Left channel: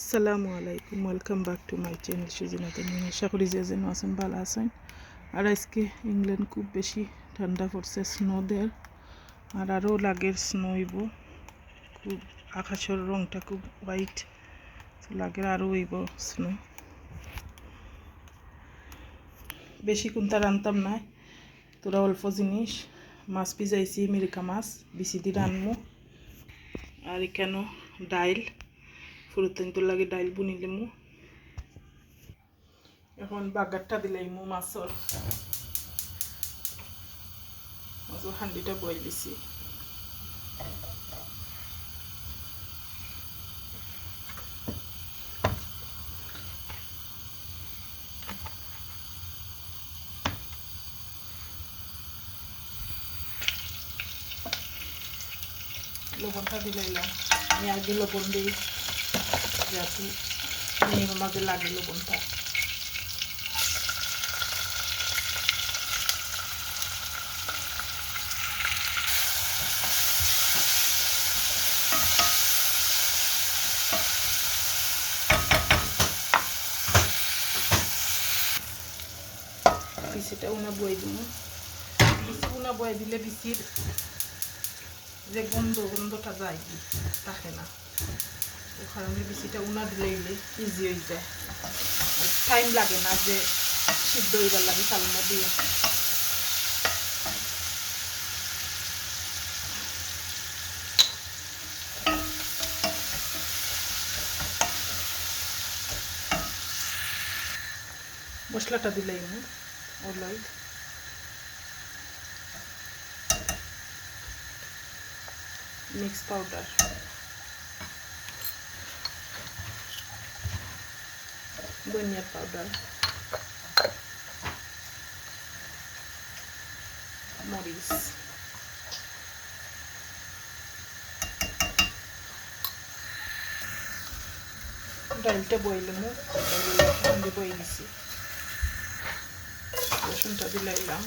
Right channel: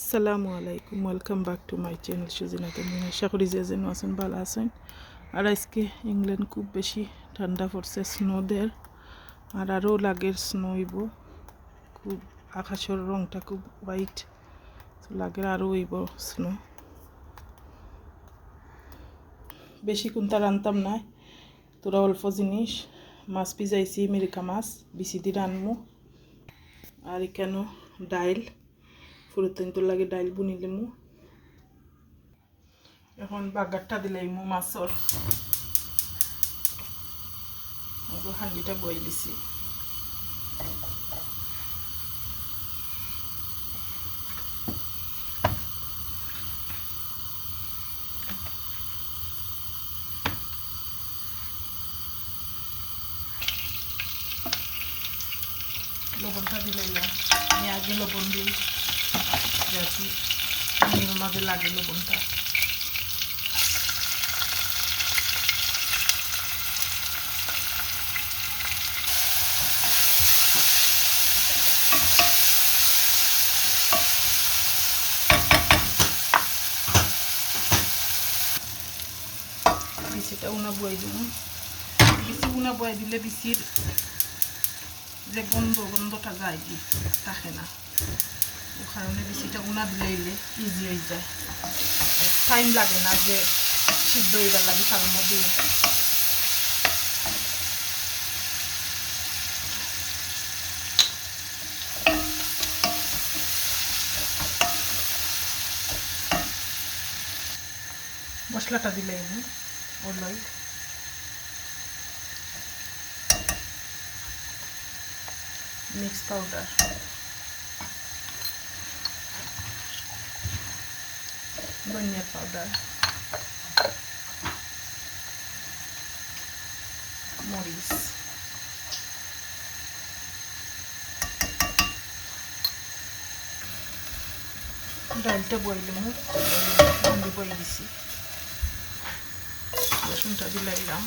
আসসালামু আলাইকুম welcome back to my channel Sujina Tamin আশা করি যে যেন আছেন ভালো আছেন আর আজকে ইংল্যান্ড খুব বেশি ঠান্ডা পড়ছে স্নো দের আর আরও লাগের স্নো হইব। খুব আকাশের রংটা খুব হোয়াইট লাগের আরও হইব স্নো বেশি কোনটা রানতাম না। তোরা অল্প জিনিস, মাছ পিজাইছি, মিরিকা মাছ বেশি দিয়ে রানমু। আর এখানেও ডাইল। ফুরুতেন তোর লাগে ডাইল বুনিলিমু এখন বাগারটা দিলাইমু মাছর। মাছর হান্ডিটা বই দিছি। লবণটা দিলাইলাম আমি আগে লবণ দিই। যাতে নিয়ের মধ্যে লাগে লবণটা বিচিটা উনা বয়ে দিব বিচি উনা বয়ে দিলে বিচির যে গন্ধ, গন্ধটা যায় কি? থাকে না। ও কারণে বেশিটা উনা দিলে ইজি হয়ে যায়। টাইম লাগে না যে সিদ্ধ হয়ে গেল লাগে চালনা দিয়ে। মশলাটা দিলে ওর লয় মিক্স পাউডার ধনিয়া পাউডার মরিচ ডালটা বইলে মুখ আমি বই দিছি রসুনটা দিলাইলাম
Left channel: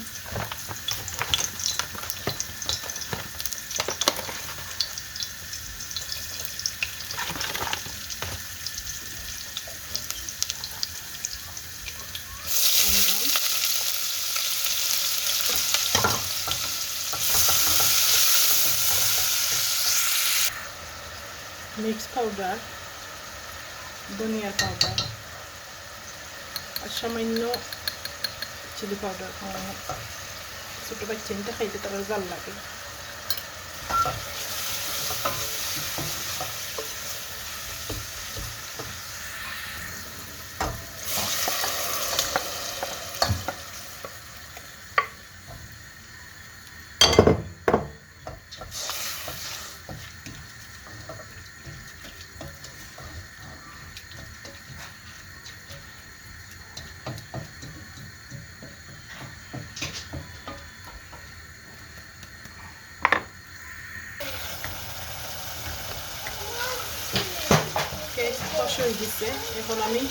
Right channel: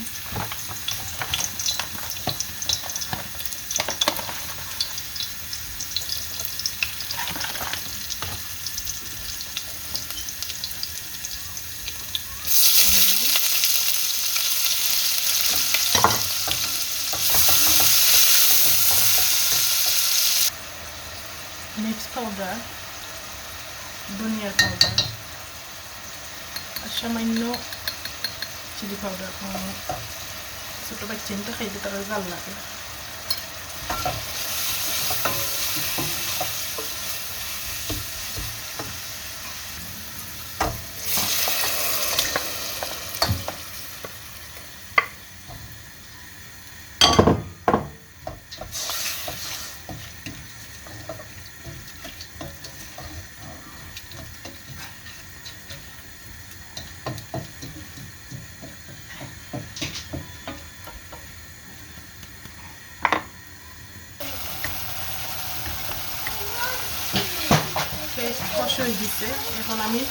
মিক্স পাউডার ধনিয়ার পাউডার আর সামান্য চিলি পাউডার ছোটো বাচ্চাটা খাইতে তারা জাল লাগে কষ হয়ে গেছে এখন আমি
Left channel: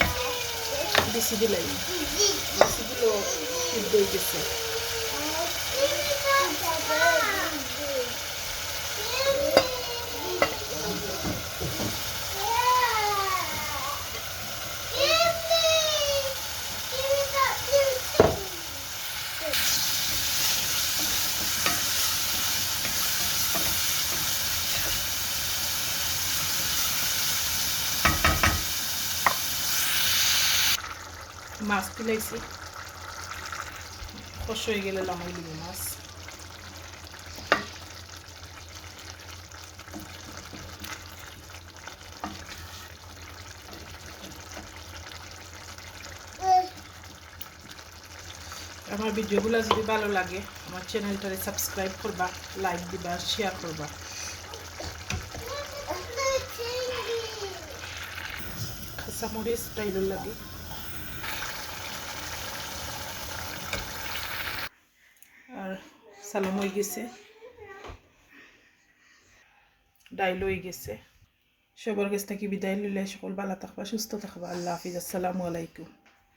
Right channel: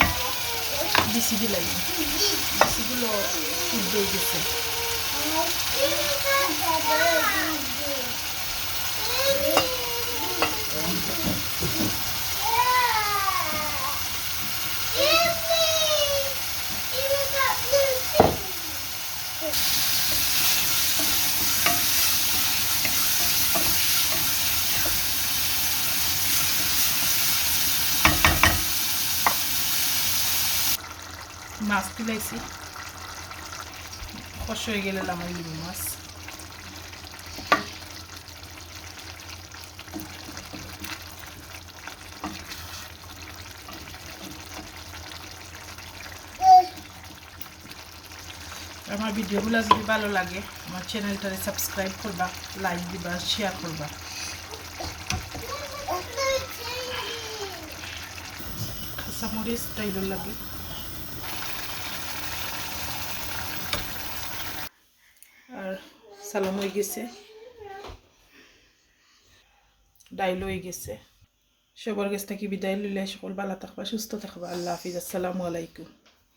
বিসি দিলাম। সিদ্ধ হয়ে গেছে। মাছ তুলাইছি কষ হয়ে গেলে লামাই দিব মাছ আমার ভিডিওগুলো যদি ভালো লাগে, আমার চ্যানেলটারে সাবস্ক্রাইব করবা, লাইক দিবা শেয়ার করবা। কাঁচামরিচ টাইলের লাগে আর সালাম হয়ে গেছে। ডাইল হয়ে গেছে। সবার কাছ থেকে বিদায় লিলে সকল ভালো থাকবা, সুস্থ থাকবা। আল্লাহ হাফিজ। আসসালামু আলাইকুম।